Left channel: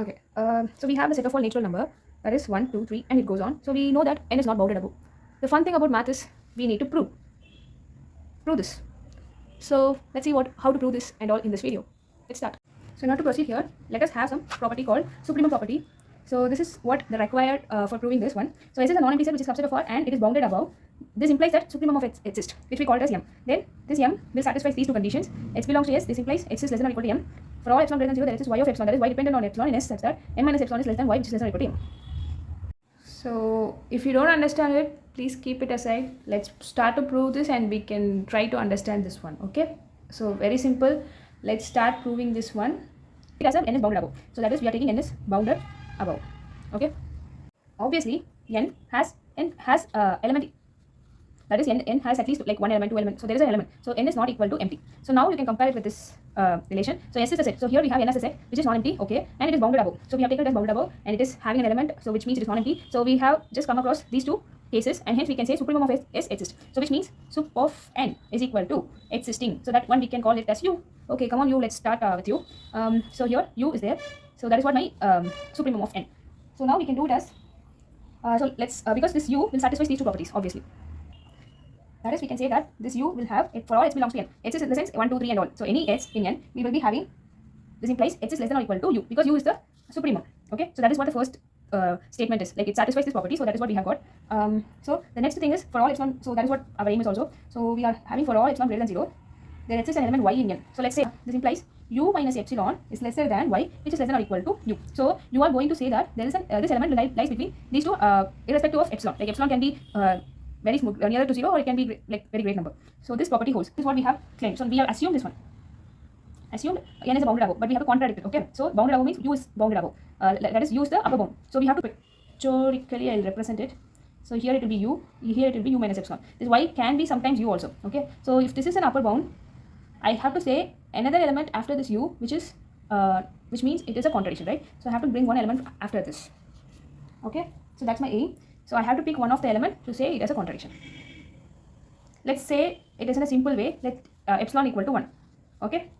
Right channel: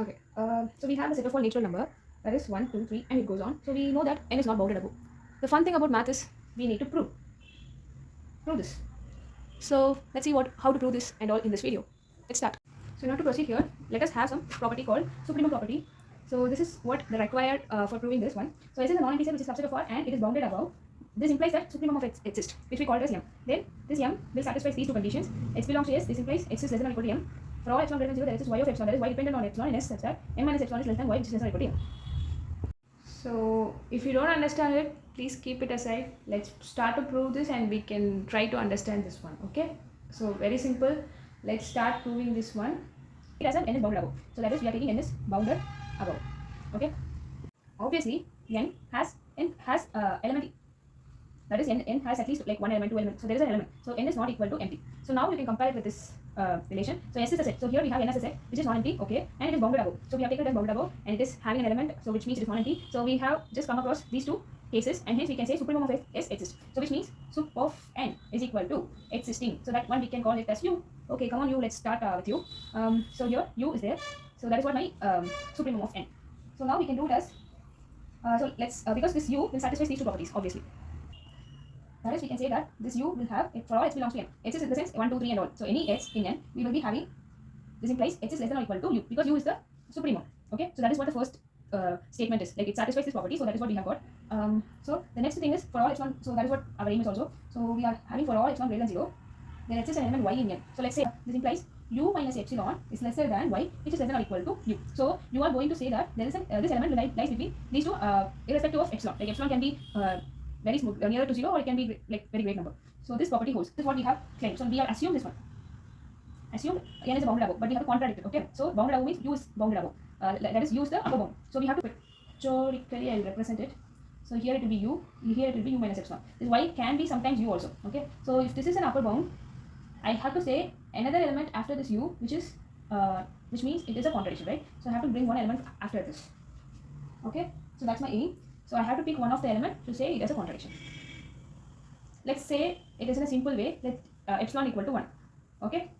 Okay, so we have the set of all natural number, that is 1, 2, 3, and it goes on. So we know that n is not bounded above. The fun thing about math is we need to prove this. So let's see how to prove this and all in this video. Let's start. So now to proceed here, let us have some property called supremum property. So this is what the required for proving this one. So S is a non-empty set which is subset of R and it is bounded above. This implies that supremum of X exists, which we call it as M. Then this M will satisfy these two conditions. X belongs to S. This implies X is less than or equal to M. For all epsilon greater than 0, there exists Y of epsilon, that is Y dependent on epsilon in S such that M minus epsilon is less than Y, which is less than or equal to M. So if you don't understand it, please keep it aside. Let's start to prove this and we can try to understand this one. Okay, so very simple. Let's start proving this one. It has n is bounded above, so that is we are taking n is bounded above. Okay, obviously n has element, that is n has at least like one element, two elements, so there is an element, so n is not equal to empty. So now you can compare it with this relation. So S is a set, so here we have n as a set which is non-empty, okay, and it is bounded above. So we have taken it as bounded above and it is having an element, so which means it is non-empty. So we have just come across these two cases and hence we can say supremum of S exists. So which means sup of n is equal to existing, so that one we can call it as U. Okay, come on U, let's start with U. So here U is there, so that is what my supremum of n. So now we can do it as so let's because this U will satisfy these two properties obviously. That is, we can say that this U will have, for all x belongs to n. X is in the sense 1, 2, 3 and all. So any x in n, we will be having, this implies x is less than or equal to U, because U is the supremum. Okay, so that is what the first statement is. Like it satisfies this property, so that is what we have got. So the next thing is for all epsilon, so that is what our aim is also. So we are having for all epsilon greater than 0, there exists an element y in n. So let's say this implies U minus epsilon is lesser than y, which is less than or equal to U. So you are going to say that there is this element lies between these two irrespective of epsilon. Like epsilon can be very smooth, nearer to 0, or it can be like very great number. So this property holds. This is what we have claimed. So we have assumed this one. Assumed n is a bounded above, but we have to contradict it. Okay. So bounded above means U is bounded above. That is U is the upper bound. So we have to pictorially I'll represent it. So here it will be U. Here it will be U minus epsilon. This Y can be sometimes U also. Okay. So if this is an upper bound, I have to say another element after this U, which means it is a contradiction, right? So I have to bring one element after this. Okay. So that's my aim. So I have to pick one of the element to say it as a contradiction. Let's say it is in a simple way, let epsilon equal to 1. Okay.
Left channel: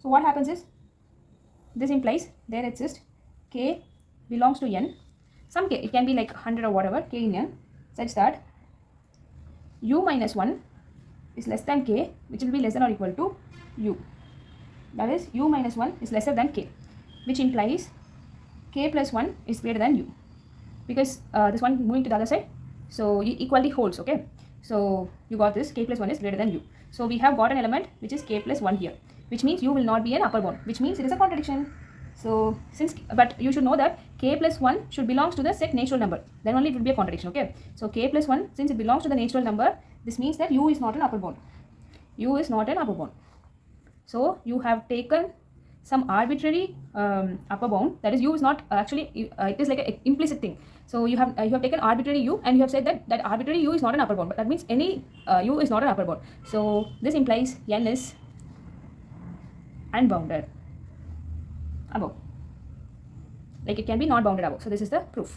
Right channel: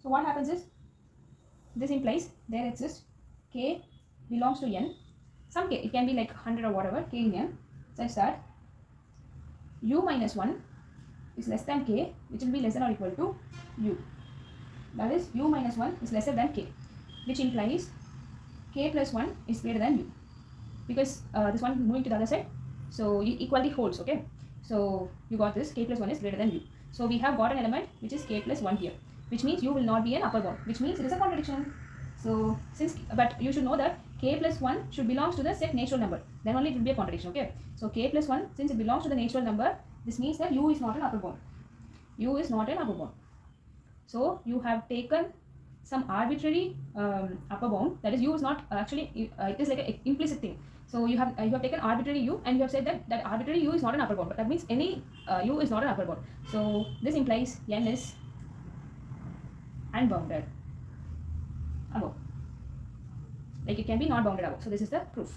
So what happens is, this implies there exists k belongs to n, some k, it can be like 100 or whatever, k in n, such that U minus 1 is less than k, which will be less than or equal to U. That is, U minus 1 is lesser than k, which implies k plus 1 is greater than U. Because this one moving to the other side, so equality holds. Okay, so you got this, k plus 1 is greater than U. So we have got an element which is k plus 1 here, which means U will not be an upper bound, which means it is a contradiction. So but you should know that k plus 1 should belongs to the set natural number, then only it will be a contradiction. Okay, so k plus 1, since it belongs to the natural number, this means that U is not an upper bound. U is not an upper bound. So you have taken some arbitrary upper bound, that is U is not actually, it is like an implicit thing. So you have taken arbitrary U and you have said that arbitrary U is not an upper bound, but that means any U is not an upper bound. So this implies n is unbounded above, like it can be not bounded above. So this is the proof.